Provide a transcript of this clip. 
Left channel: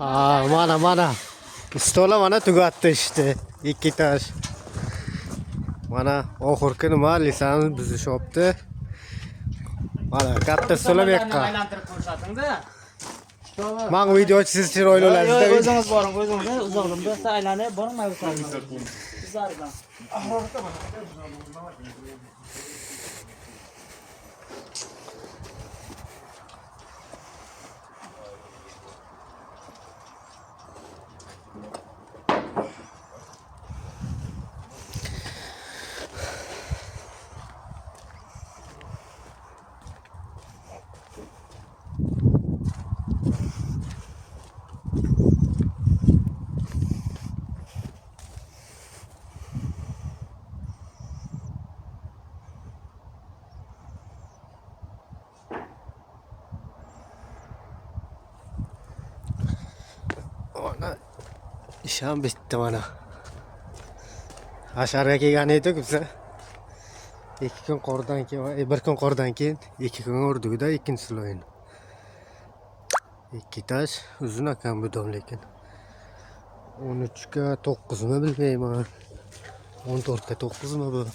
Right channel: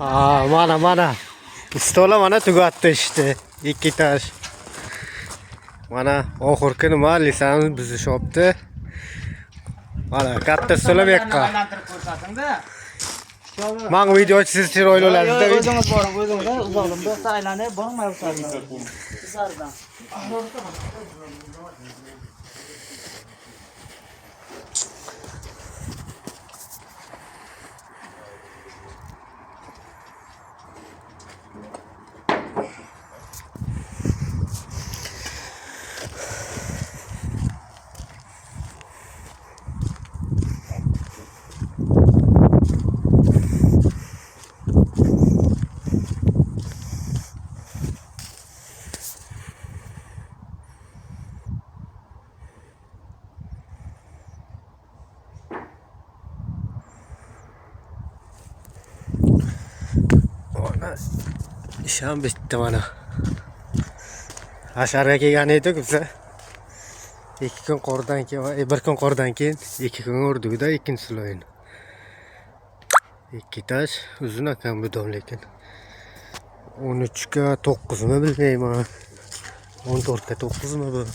Mana. Pistola mana tugatdi işte. İki taş. Mana oxirgi nima lisani buzishyapti. Mana katta so'lab yoqqa. Aylantirib ko'rsating-da. Men videochi siz chiroyli olasizda. O'zingiz boring, o'zingiz uzoqda aylanib bormay o'tasiz. Sizlardan. Mana isham bitdi mana. Hasharga kelgan edik biz. 2 kun qordan keyin, 1 kun qordan keyin 2 kun o'rdikda ikkinchi sloyin. 2 tash uzun ekan bu dom lekin. 13 ga 9 mi bilmayman. 14 ga 9 mi bu?